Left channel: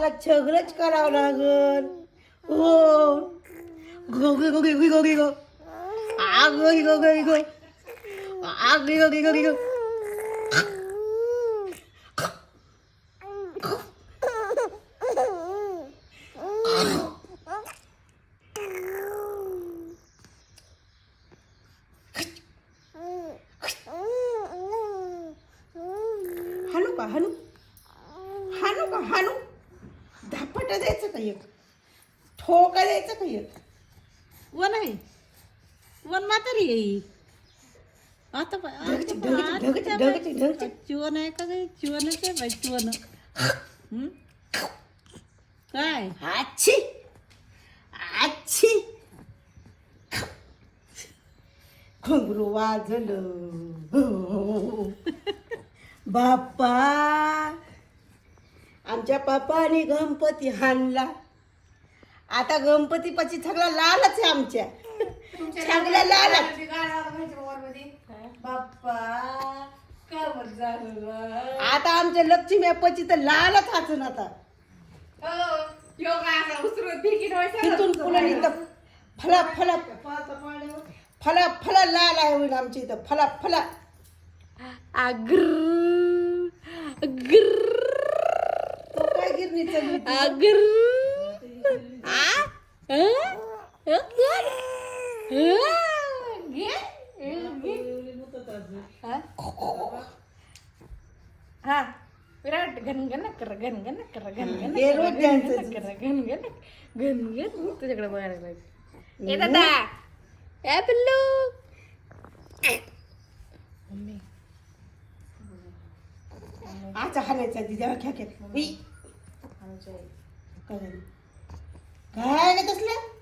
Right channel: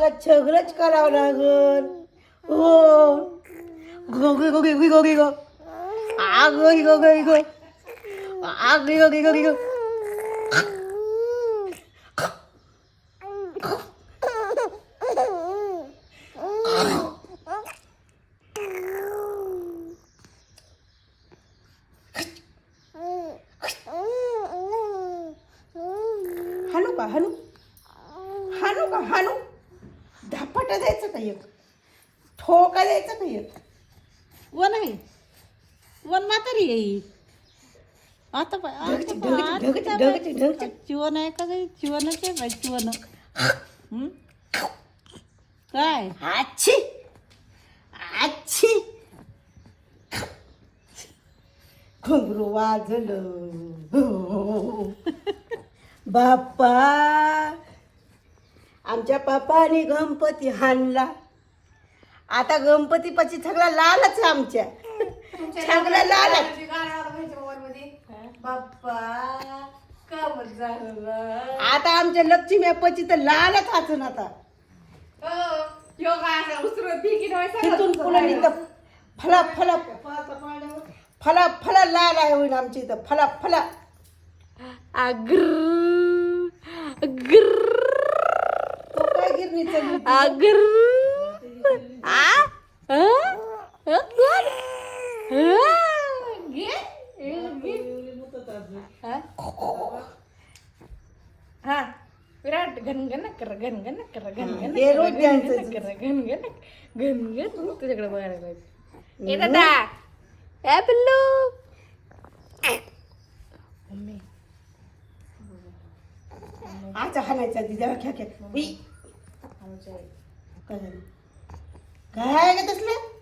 मला सगळंच करावं लागल हो गो गे गो गे गो गो गे गो आ गो गे गो गे गो आ गे गो गे गो गे गो हाणू का हाणू हाणू का हाणू धापट द्यायचं का एक ठोका द्यायचं का एक वन आहे. वन म्हातारी येईल आता. चिवण आहे का काही चिवणच आहे बाई? चिवण. हं? काय? आच्छी. आच्छी. घुंगरू वाजलं. बाप्पा आमच्या बापाने गणपती हाणला. आता गणपती पची सगळा लालच आहे आमच्या. सगळा लालच आता आमच्या लक्ष्मी पची तर लालच असून आता. ठेवायचा. तिथून इथं फला फला फला फला लाल आहे होईल आमची इथं. फला फला. अग्र अग्र अग्र हं? विराट घनघन कर घनघन कर द्यायचं. कर घनघन घनघन तुझ्याकडे बघायला लागले. ए दादा. ए पिल्लू. जरा खेळ खेळ. उई. काय ग तसलं